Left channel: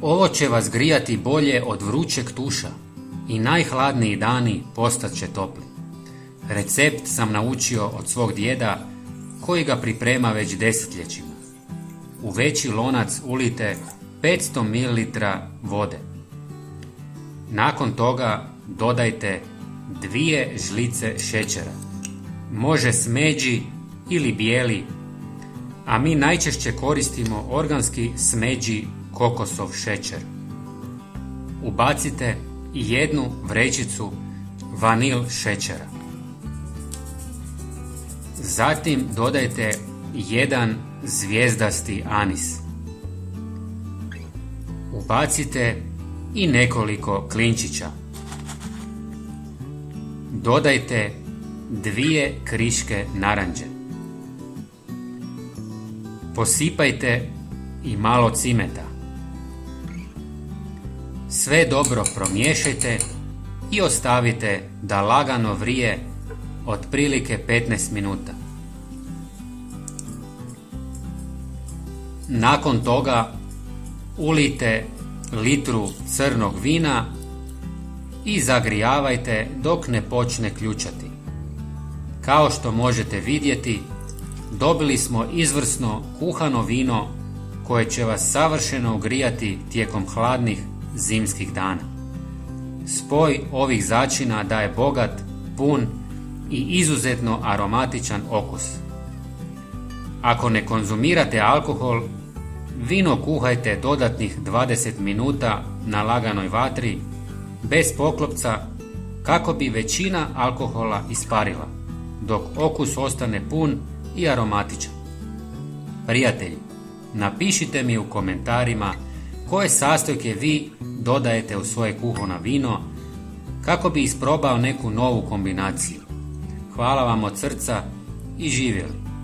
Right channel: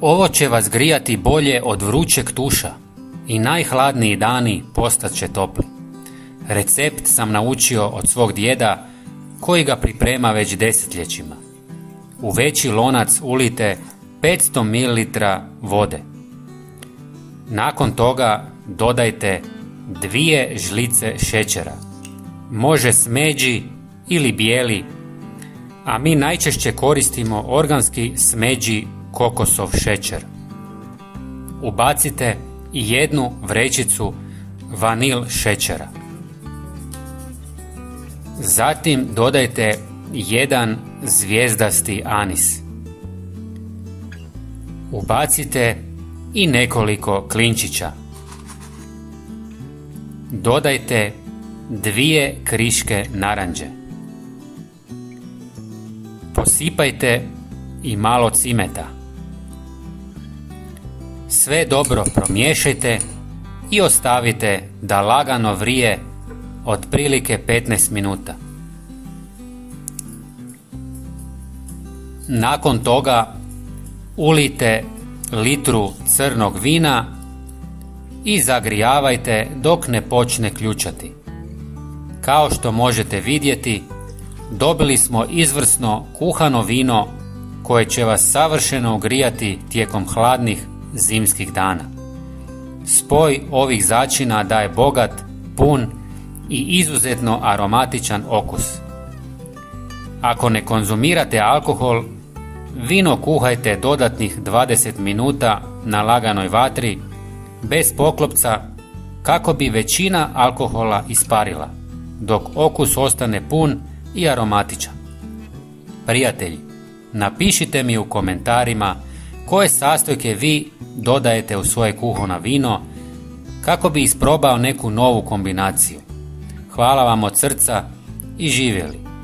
Ovo će vas grijati bolje od vrućeg tuša i najhladniji dani postat će topli. Recept sam naučio od svog djeda koji ga priprema već desetljećima. U veći lonac ulijte 500 ml vode. Nakon toga dodajte 2 žlice šećera. Može smeđi ili bijeli, a mi najčešće koristimo organski smeđi kokosov šećer. Ubacite 1 vrećicu vanil šećera. Zatim dodajte 1 zvijezdasti anis. Ubacite i nekoliko klinčića. Dodajte 2 kriške naranče. Posipajte i malo cimeta. Sve dobro promiješajte i ostavite da lagano vrije otprilike 15 minuta. Nakon toga ulijte litru crnog vina i zagrijavajte dok ne počne ključati. Kao što možete vidjeti, dobili smo izvrsno kuhano vino koje će vas savršeno ugrijati tijekom hladnih zimskih dana. Spoj ovih začina daje bogat, pun i izuzetno aromatičan okus. Ako ne konzumirate alkohol, vino kuhajte dodatnih 20 minuta na laganoj vatri, bez poklopca, kako bi većina alkohola isparila, dok okus ostane pun i aromatičan. Prijatelji, napišite mi u komentarima koje sastojke vi dodajete u svoje kuhano vino kako bi isprobao neku novu kombinaciju. Hvala vam od srca i živjeli!